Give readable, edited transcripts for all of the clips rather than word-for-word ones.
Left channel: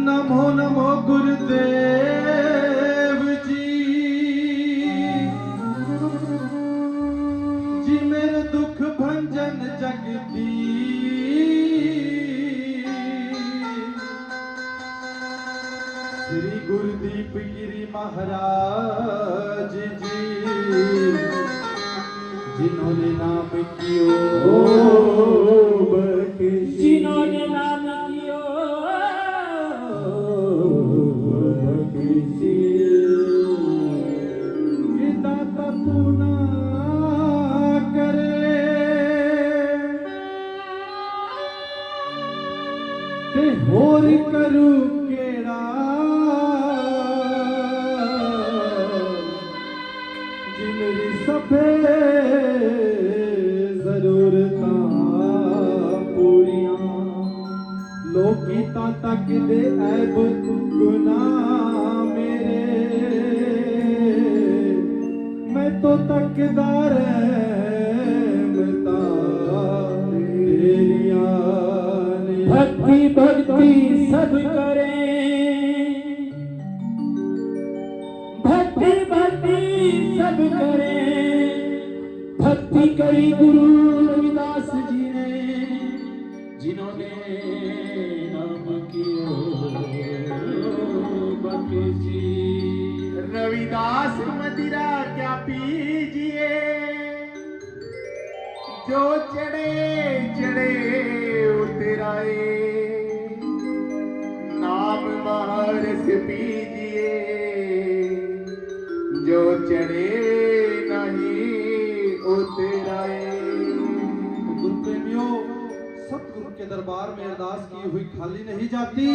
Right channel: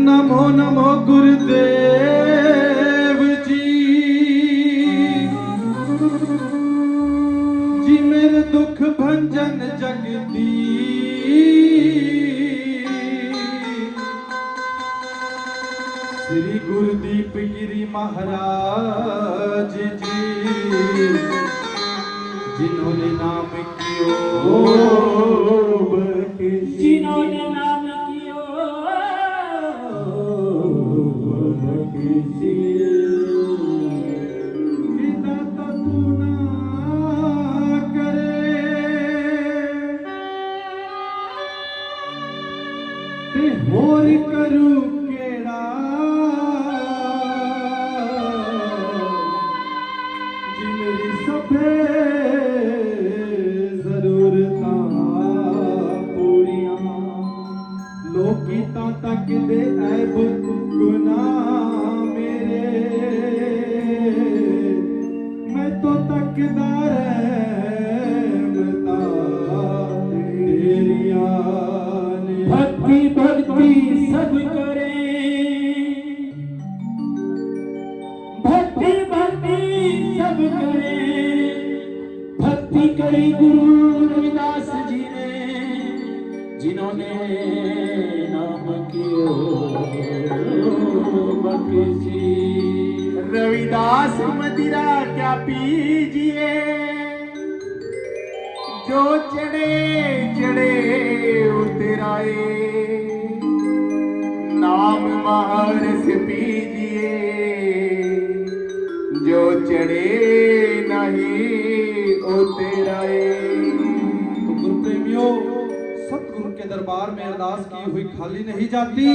नमो नमो गुरुदेव जी जी मेरे दुख भंजन जगदीश श्री गुरुदीप गिरी महाराज जी जिन्होंने नाम कियो जिन्होंने नाम कियो दाता तू ना करे ते होर करू केड़ा जी मेरी सभे जरूरतां पूरियां लोकी तां तक दे ऐब गुनाह मेरे मैं तो तकदार भक्ति भक्ति सब करे भक्ति भक्ति सब करे भक्ति करी गुरु रविदास जी ने जिन्होंने नाम कियो बख्शी रविदास मदिरा क्या पीजिए जो चढ़े चढ़े उतराए नाम महारस पीजिए जो चढ़े नहीं उतराए। तो गुरु प्रेमियों सतगुरु के दरबार में अरदास की हुई खाली नहीं जाती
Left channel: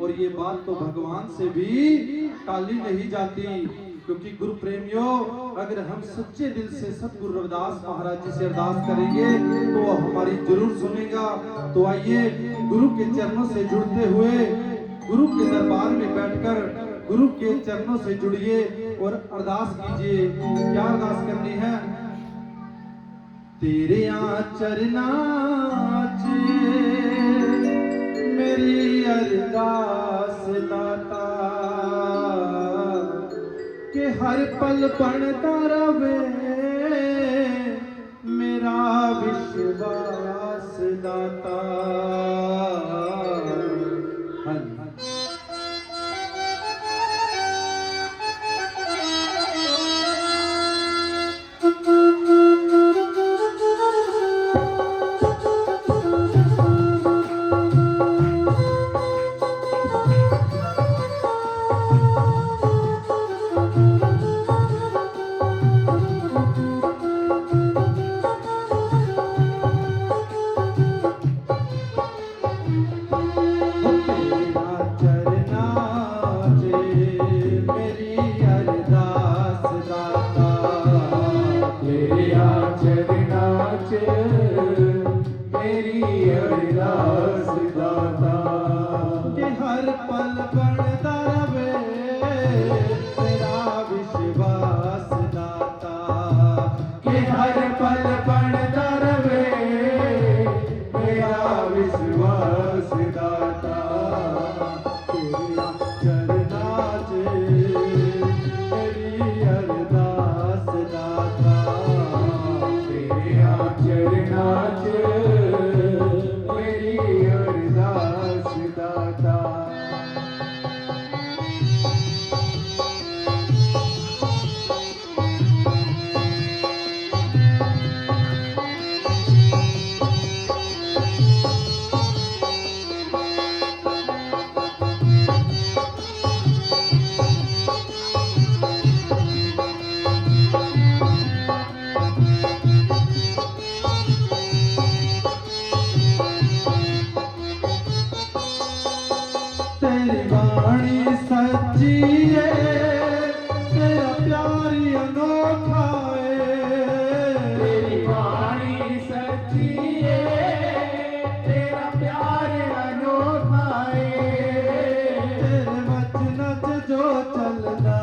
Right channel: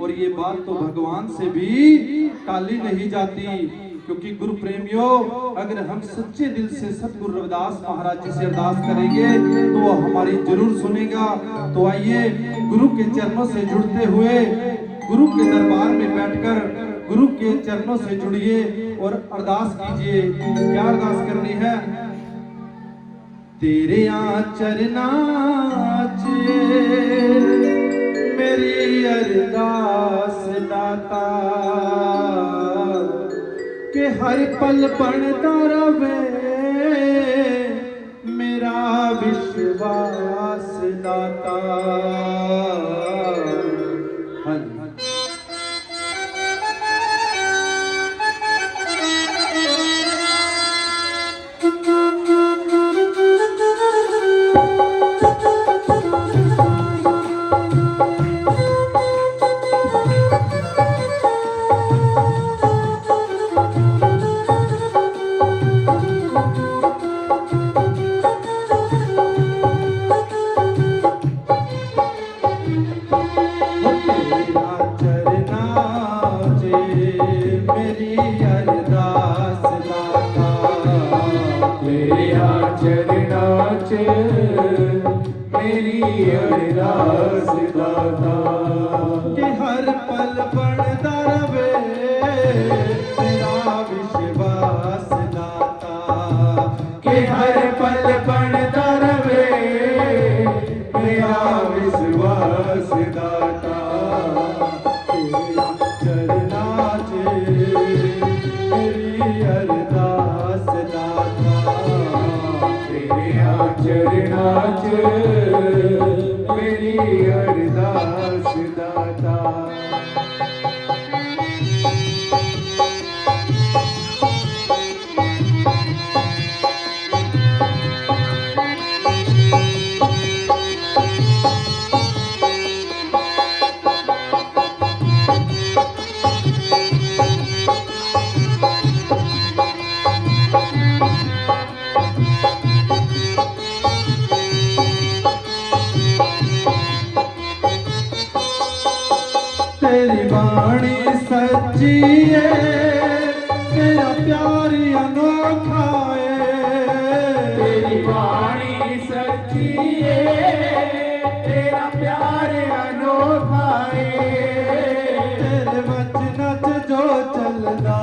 और ये बात तो भगवान से भी टाली नहीं जाती क्योंकि गुरु प्रेमियों अगर हम सच्चे दिल से सतगुरु रविदास महाराज जी से अरदास करेंगे तो वो हमारी जरूर सुनेगा। तो आइए गुरु के चरणों से जुड़ते हुए गुरु के दरबार में बैठकर गुरु के चरणों से जुड़िए और अरदास कीजिए। क्या अरदास करनी है? तेरे चरना मेरी अरदास दाता के हर पल पढ़ता रवे मेरा विश्वास दाता। अरदास दाता कि हर पल पढ़ता रवे तेरा विश्वास दाता कि हर पल पढ़ता रवे तेरा विश्वास दाता। तेरा चरना मेरी अरदास दाता तेरा चरना मेरी अरदास दाता। तेरी वाणी सच्ची है तेरा प्यार अनोखा है। तेरी वाणी सच्ची है तेरा प्यार अनोखा है। तेरे वचन जो चलदा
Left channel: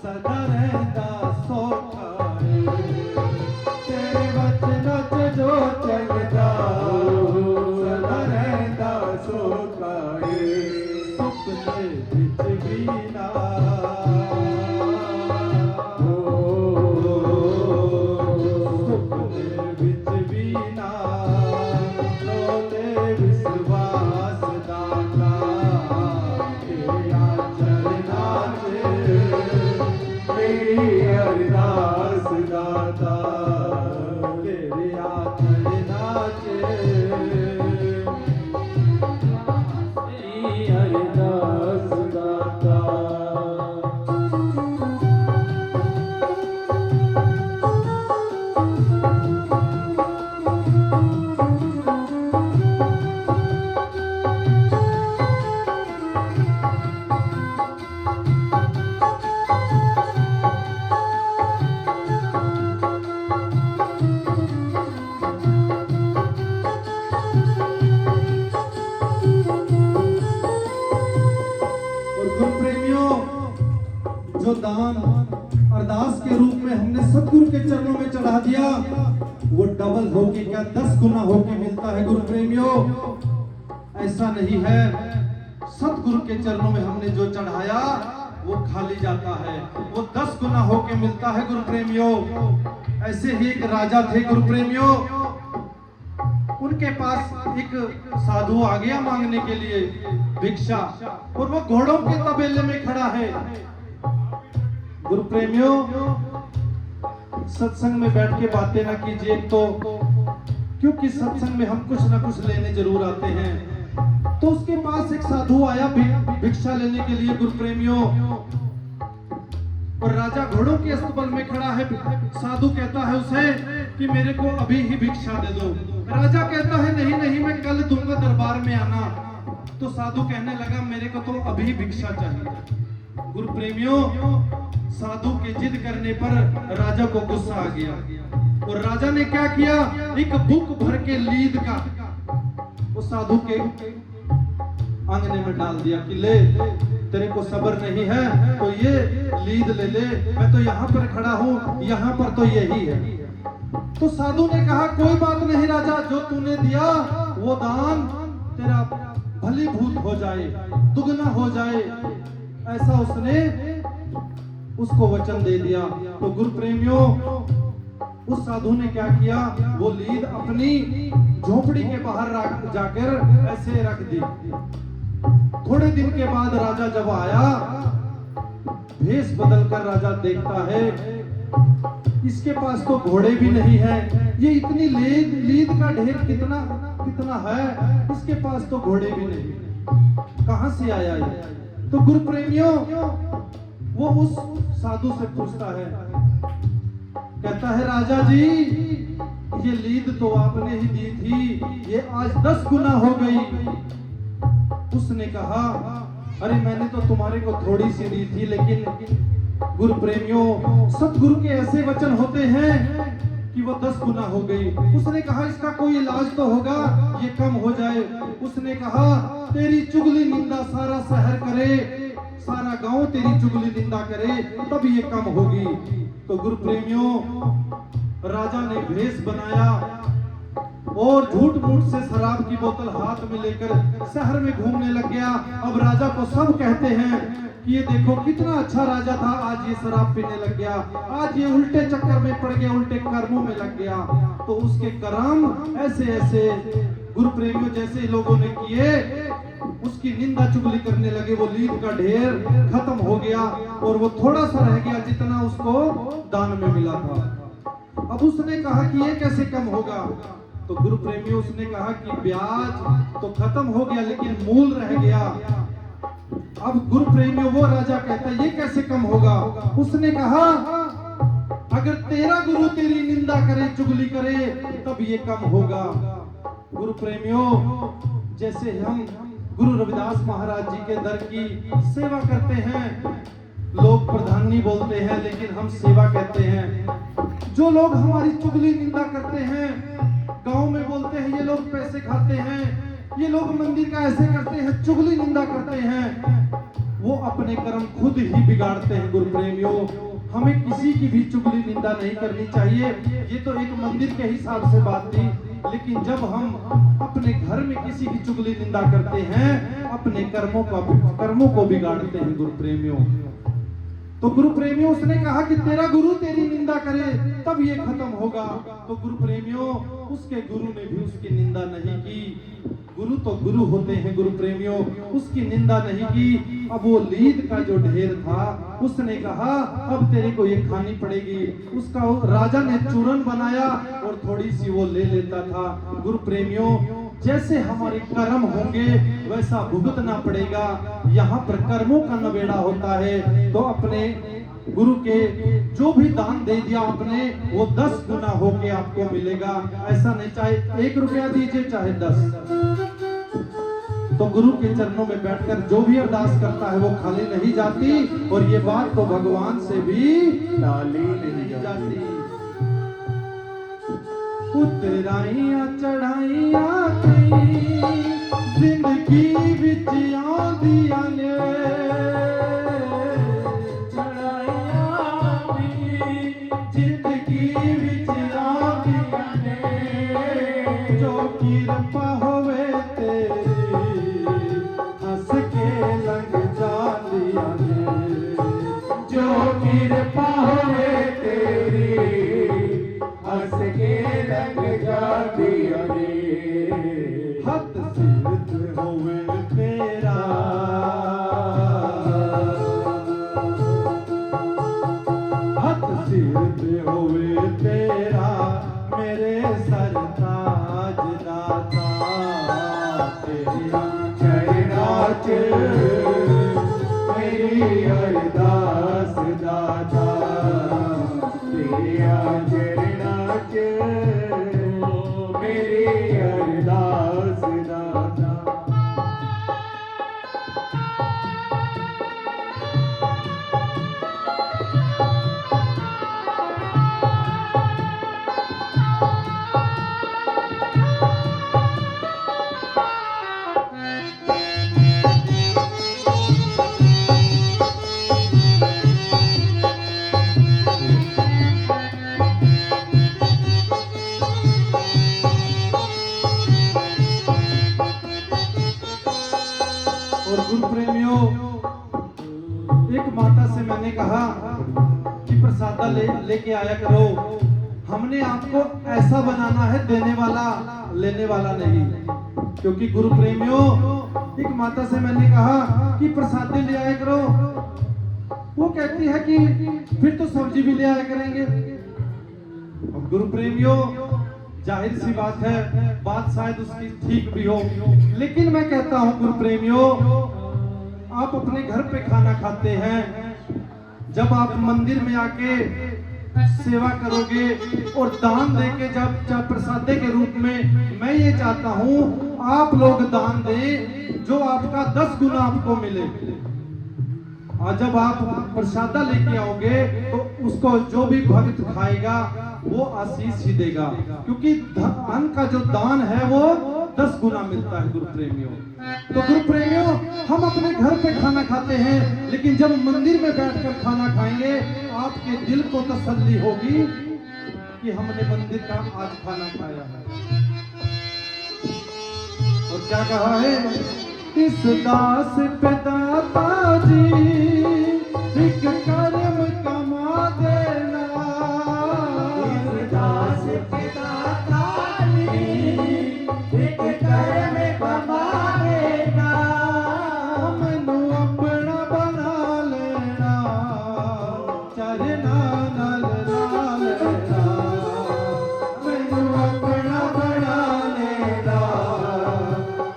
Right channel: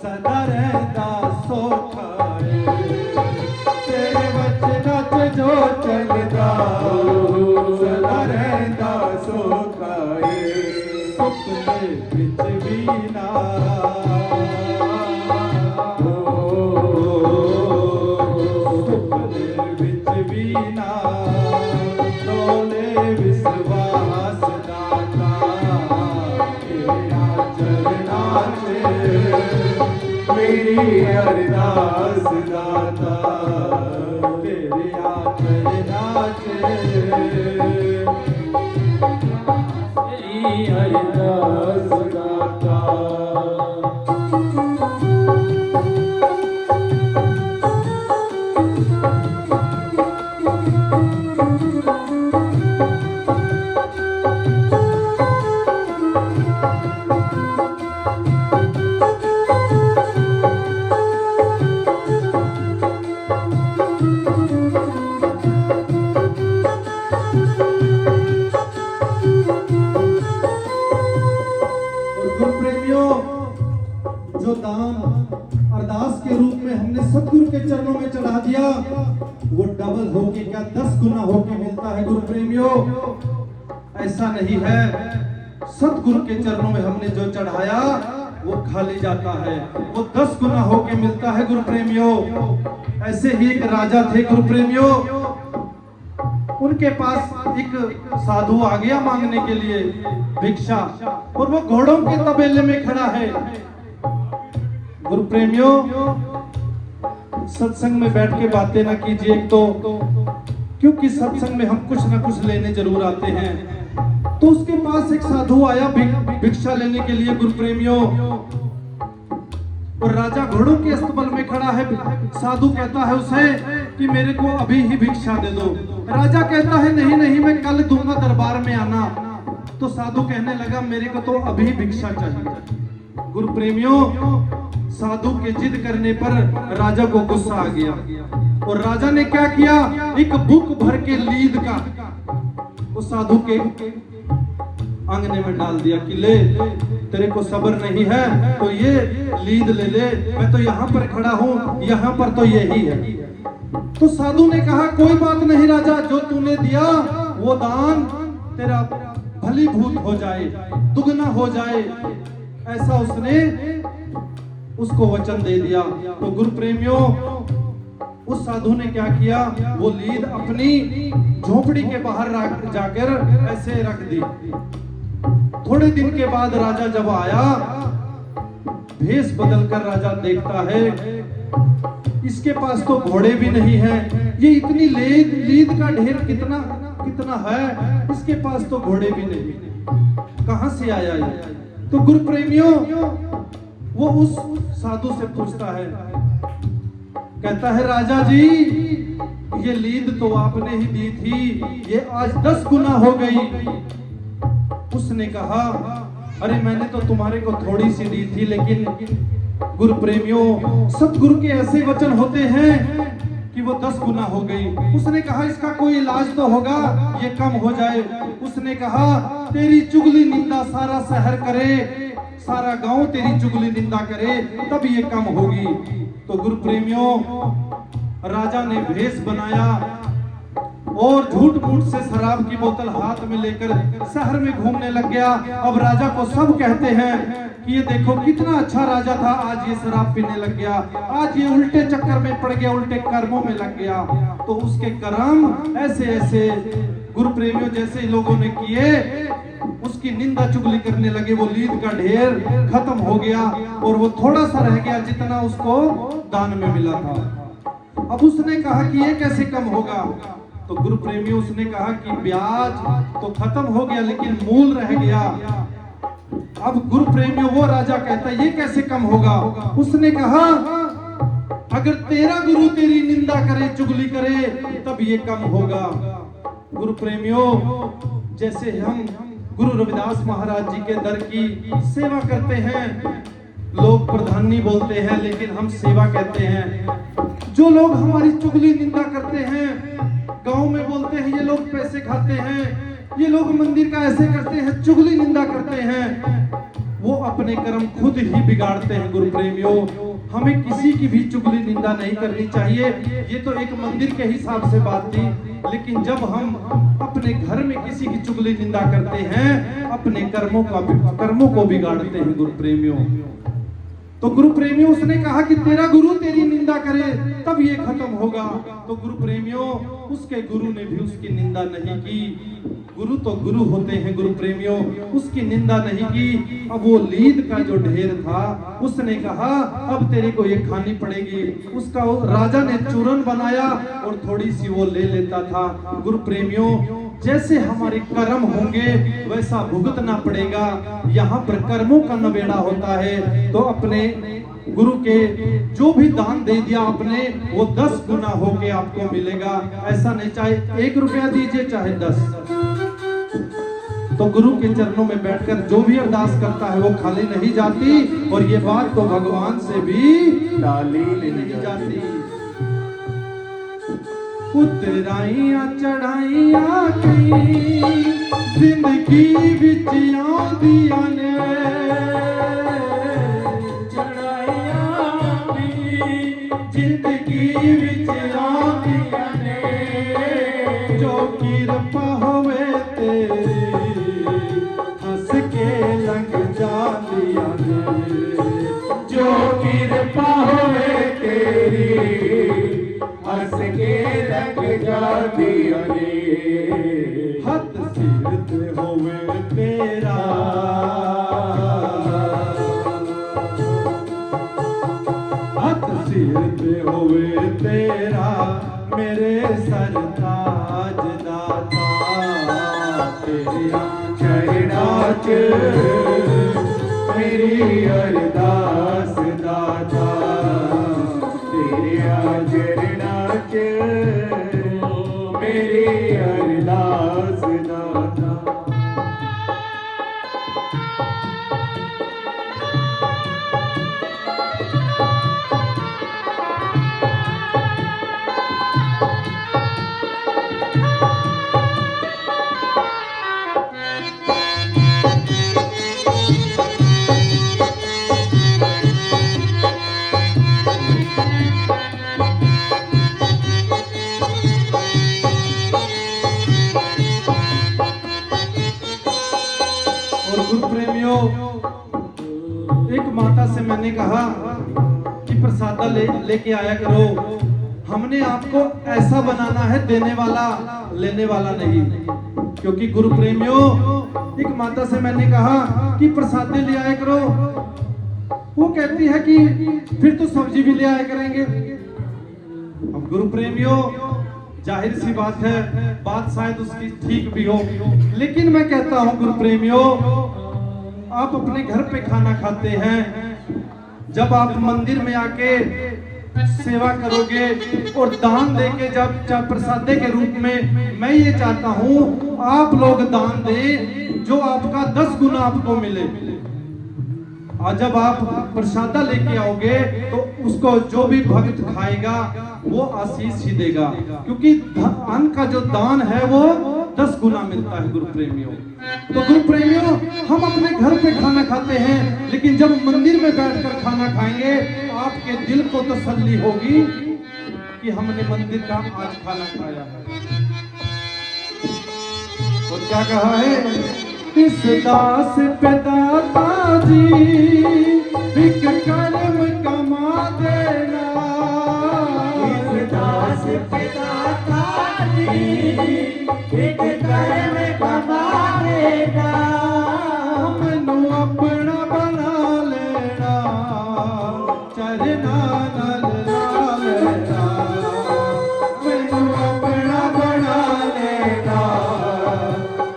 सदा रहता सौखा है। तेरे वचन जो चलदा सदा रहता सौखा है। सुपने बिच बीना सुपने बिच बीना डोले विश्वास दाता तेरा चरना चे मेरी अरदास दाता तेरी चरना चे तेरी अरदास दाता। जो दान अरदास के रूप में हमने सतगुरु के चरणों में चढ़ा दिया वो डबल होके क्या 10 गुना होके मिलता है गुरु प्रेमियों। ऐसा नहीं है, सतगुरु के चरणों में हमने जो चढ़ाया वो खाली जाता है, वो 10 गुना होके मिलता है गुरु प्रेमियों। ऐसे ही एक राजा थे गुरु प्रेमियों, उनके पास एक साधु आ गया मांगने के लिए भिक्षा, और वो घोड़ों के तबेले में खड़ा है। गुरु प्रेमियों, सत्संग में बैठ के बातें ना कीजिए तो, क्योंकि सत्संग में हम कुछ ना कुछ लेने जरूर आते हैं। तो उसके पास एक साधु आया भिक्षा लेने के लिए गुरु प्रेमियों, और राजा घोड़ों के अस्तबल में खड़ा है। साधु कहता है उसे कि मेरे को अभी ही भिक्षा दे दो। राजा कहता है नहीं नहीं, मैं कल दूंगा, दरबार में आना। तो साधु कहने लगा मेरे को तो अभी भिक्षा चाहिए। गुरु प्रेमियों, साधु के जिद करने पर राजा को गुस्सा आ गया, और राजा ने क्या किया, एक बुक भर के लीद का उस साधु के आंगने में डाल दिया कि ले, तेरे को सब्र नहीं है तो ये लीद ले ले, मैं तो यहाँ पर खड़ा हूँ, यहाँ पर तो यही है। तो साधु ने कहा कोई बात नहीं राजा, जो तूने दिया वो दान तेरा भलीभूत हो जाए, दुगना हो जाए, ऐसा उसने उसको वचन दे दिया। तो गुरु प्रेमियों, उस साधु ने क्या किया, वो लीद अपनी झोपड़ी के बाहर जाकर ऐसे रख दी। थोड़े दिन के बाद राजा जब आया, भेष बदलकर राजा देखता है इसके पास तो घोड़े भी नहीं है, ये इतनी लीद का ढेर कितना कितना है, इसके पास तो घोड़े भी नहीं, कहां से आया ये। तो गुरु प्रेमियों, वो उस साधु से पूछता है, कहता है राजा जी ये लीद तो आपने ही दी थी, ये आज 10 गुना हो गई। उसने कहा अरे मैंने तो तुम्हारे को थोड़ी सी दी थी, लेकिन गुरु प्रेमियों, सतगुरु के ऐसे वचन होते हैं कि वो 10 गुना हो गई। उसने कहा इसका कोई इलाज तो होगा, ये कम हो जाए। उसने कहा तेरी चुगली निंदा सारा शहर करे, सारा गांव तेरी चुगली निंदा करे, तब ये कम होगी। तो गुरु प्रेमियों, राजा ने भेष बनाया और झूठ मूठ से शराब की बोतल हाथ में लेकर शहर में घूमने लग गया। अब राजा को सब कहते हैं कि ये देखो कितना अच्छा राजा था, आज ये शराब पीने लग गया, आज ये उल्टे चक्कर में पड़ गया, उल्टे कर्मों में लग गया। तो उसके कर्म ऐसे ऐसे गुरु प्रेमियों जैसे लोगों ने किए, उसकी निंदा चुगली करने लगे। वो लीद का ढेर खत्म हो गया और वो थोड़ा सा रह गया जितना उसको दान में मिला था। अब उसने कहा कि ये कैसे कम होगा। तो गुरु प्रेमियों, उसने कहा कि ब्याज तो खत्म हो गया लेकिन मूल रह गया। अब गुरु प्रेमियों, वो राजा कहता ये कैसे कम होगा। उसने कहा अगर तेरा गुरु तेरी निंदा करे, चुगली करे, तब ये कम होगा। गुरु प्रेमियों, जैसे हम गुरु रविदास महाराज जी के दर की सेवा करते हैं, लोग प्रधानी बोलते हैं लेकिन हम सेवा कहते हैं। जो लोग हमारी चुगली निंदा करते हैं, गांव में बोलते हैं ये लोग पैसे खाते हैं, ये लोग मंदिर का ऐसे करते हैं, चुगली निंदा करते हैं, वो अपने अपने कर्म खुद ही बिगाड़ते हैं गुरु प्रेमियों। हमें किसी की भी चुगली निंदा नहीं करनी चाहिए। ये तो एक मंदिर के हिसाब से बात थी, लेकिन जब हम अपने घर में किसी की चुगली निंदा करते हैं, अपने कर्मों को बिगाड़ते हैं गुरु प्रेमियों। तो गुरु प्रेमियों, उसने कहा कि तेरा गुरु तेरी निंदा करे तब ये खत्म होगा। तो गुरु प्रेमियों, उसके गुरु ने भी उसकी निंदा नहीं की। गुरु तो गुरु होते हैं गुरु प्रेमियों, उसकी निंदा नहीं की। अब वो लीद का जो ढेर था, उसने कहा अब तेरे को ये खानी पड़ेगी। उसका राजा ने चूरन बनाया और थोड़ी सी वो ले लेता था। गुरु प्रेमियों, जैसे हमारे कर्म होंगे वैसा भुगतना पड़ेगा। यहाँ पर कर्मों का नवेड़ा होता है। तो अपने गुरु के जो भी दान दे दिया आपने, वो 10 गुना होके आपको मिलेगा। ऐसा नहीं चाहे 1 रुपया दीजिए चाहे 10। तो गुरु के चरणों में बैठकर जो भी अरदास करता है वो खाली नहीं जाती। और ये बात तो भगवान से भी टाली नहीं जाती। उतराइया चढ़ाइया की जिंदगी विच आंदियां ने, चढ़ाइयां भी जिंदगी विच आंदियां ने। जो किरपा होवे तेरी हंस के लंघ जांदियां ने। जो किरपा होवे तेरी हंस के लग जाती है। हथ सिरत होवे तेरा, हथ सिरत होवे तेरा मेरे सरताज दाता। तेरे चरणा च मेरी अरदास दाता। तेरे चरणा च मेरी अरदास दाता। और गुरु प्रेमियों, एक माता से मैंने कहा कि प्रसाद लेके आया करो। हमने आपको ऐसा बनाना है, देने वाला लेने वाला नहीं। क्योंकि गुरु प्रेमियों, एक माता से मैंने कहा कि प्रसाद ले आया करो। वो कहती है कि फिर तो सब्जी भी ले आया करेंगे। अब गुरु प्रेमियों, जाहिर सी बात है, बात शायद उसकी ठीक भी हो, लेकिन मैं कहता हूं गुरु प्रेमियों, आप अपने घर पे खाना खाते हैं, जब आप मंदिर में आके सेवा करोगे और दान देके जब प्रसादे के रूप में, मैं ये चाहता हूं आप लोग दान दें जो आपका 10 गुना आपको मिले। और जब आप प्रसादा लेके आओगे तो उसको जो भी भक्त खाएगा वो आशीष ही देगा, क्योंकि अन्न का जो दान है वो 10 गुना मिलता है गुरु प्रेमियों। तो गुरु प्रेमियों, हम अपने घर पे खाना खाते हैं, लेकिन जब मंदिर में बैठकर खाना खाएंगे आपके दिल को तसल्ली होगी कि हमने मंदिर का आज खाना खाया है। और क्या कहा है, इस दास पे दाता जी एक कर्म कमा देना। इस दास पे दाता जी एक कर्म कमा देगा। मैनू अपना बना लेना, चरना नाल ला लेना। मैनू अपना बना लेना,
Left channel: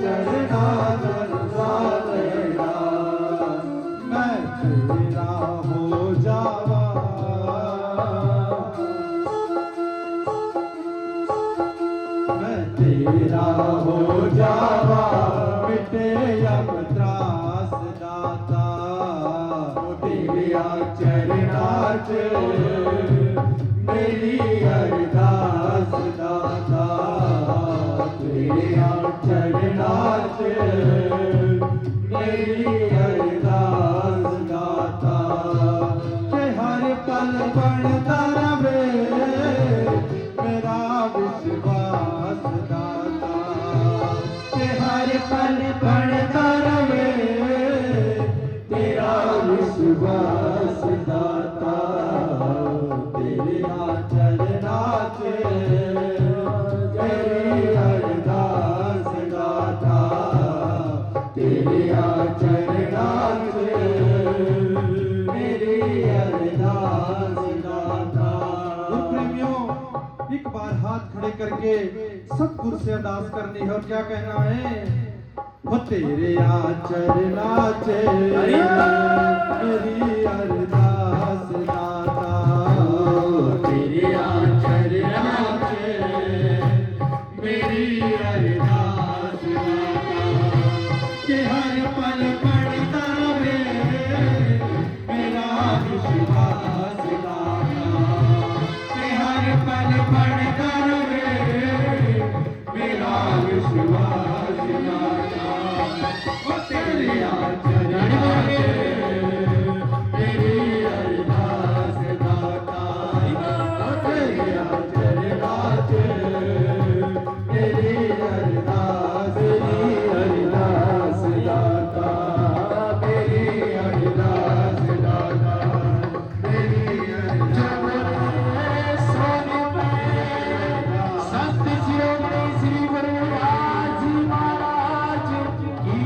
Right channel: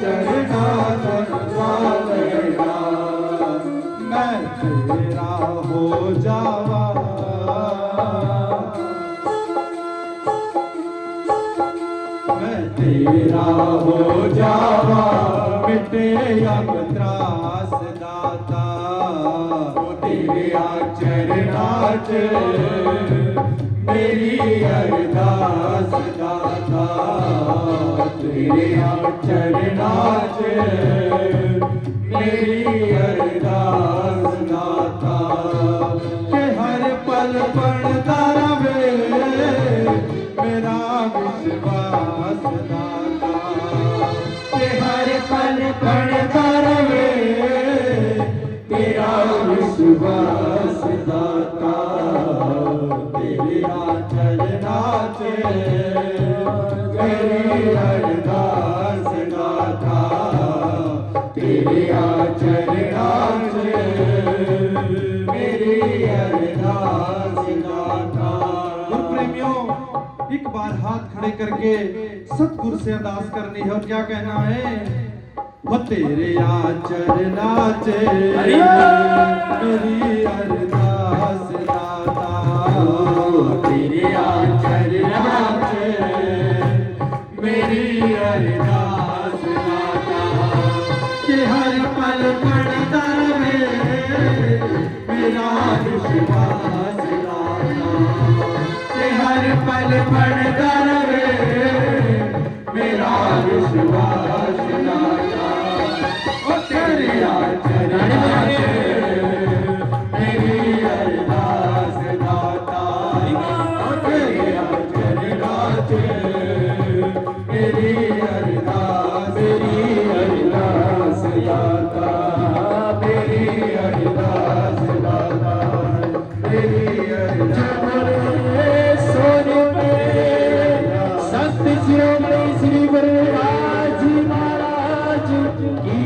चरना नाल ला लेना। मैं तेरा हो जावा, मैं तेरा हो जावा, मिटे अब त्रास दाता। तेरे चरणा च मेरी अरदास दाता। तेरे चरणा च मेरी अरदास विश्वास दाता तेरे चरना च मेरी अरदास दाता तेरे चरना च मेरी अरदास दाता। गुरु प्रेमियों, एक बार हाथ खड़े करके सतगुरु से अरदास करनी है और क्या कहना है? वो तेरे चरना च मेरी अरदास दाता तेरे चरना च मेरी अरदास दाता कि हर पल पड़ता रहे मेरा विश्वास दाता कि हर पल पड़ता रहे मेरा विश्वास दाता। ओ तेरे चरना च मेरी अरदास दाता ओ तेरे चरना च मेरी अरदास दाता मेरी अरदास दाता मेरी अरदास। सोने पे संत शिरोमणि श्री गुरु राज जी महाराज की